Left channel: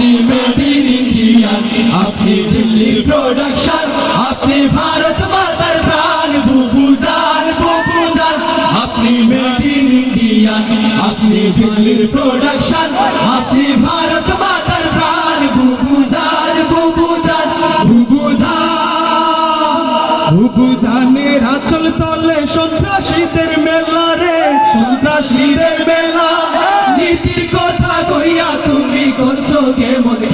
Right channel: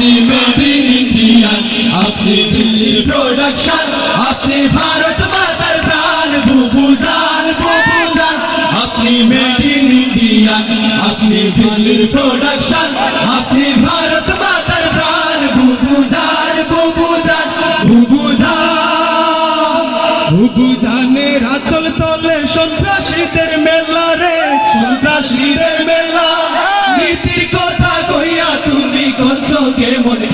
আপনি made in India, আপনি দিল্লির প্রোডাকশন আপনি ভারত মাতার প্রাণ বুবু জান বুবু জান আপনি মেড ইন ইন্ডিয়া আপনি দিল্লির প্রোডাকশন আপনি ভারত মাতার প্রাণ বুবু জান বুবু জান বুবু জান বুবু জানের আচল তলে সন্ত্রাসীদের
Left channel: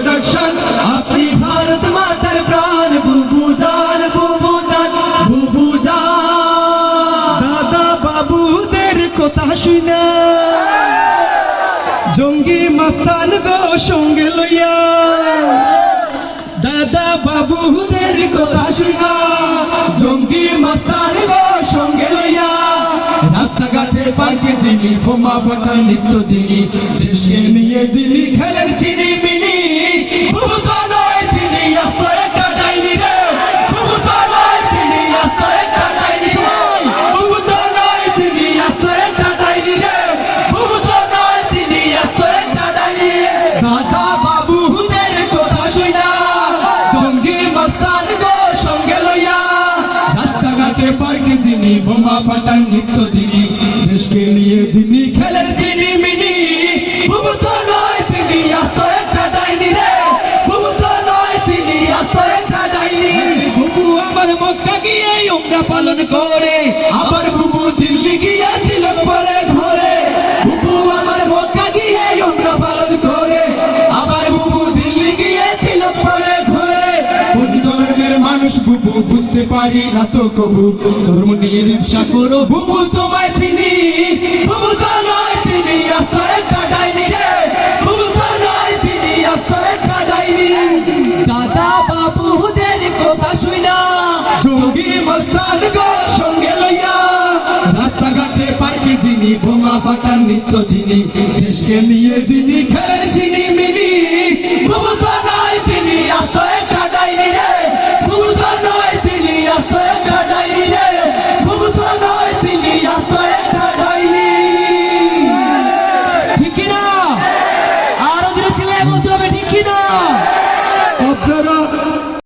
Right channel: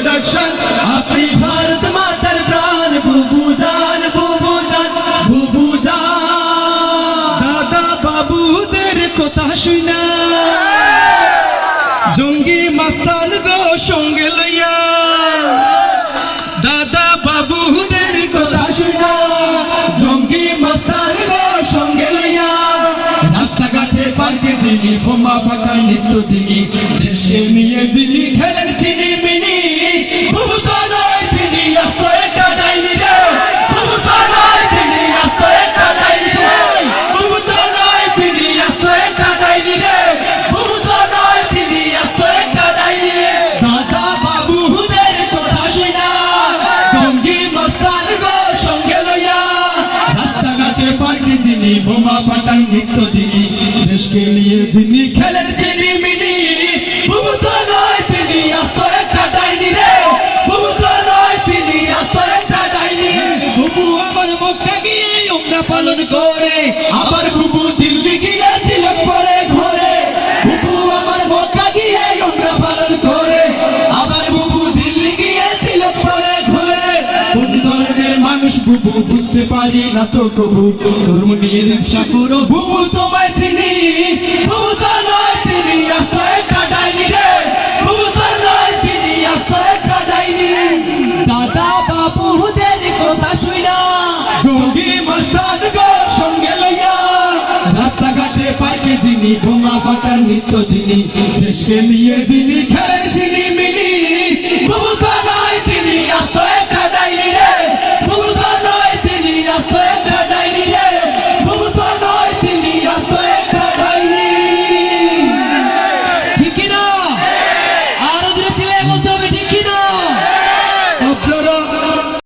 প্রোডাকশন আপনি ভারত মাতার প্রাণ বুবু জান বুবু জান বুবু দাদা বাবুদের কথা শুনা। জঙ্গি মাস্তান গো, সঙ্গে লইয়া। দাদা বাবুদের কথা শুনা। জঙ্গি মস্তান গো, সঙ্গে লইয়া। রাস্তাঘাটে পার্কে যিনি বোমা ফাটায় নিত্য দিনী, দেশে নিয়ে যিনি খেলেন চিনি যিনি বোমা পাটান নিত্য দিনী। দেশকে নিয়ে যিনি খেলেন চিনি মিনি। নয় তিনি আস্ত একটা ডাইনি রে। তো নয় তিনি আস্ত একটা ডাইনি। বুবু আমার মক্কা গিয়ে উমরা পালন করে। আবার মানুষ বুবু বুঝতে পারি না তো কবু ধর্ম করো। বুবু তোমায় চিনি তিনি তিনি সঙ্গে লইয়া। রাস্তাঘাটে যিনি বোমা নিত্য দিনী। দেশকে নিয়ে যিনি খেলেন, যিনি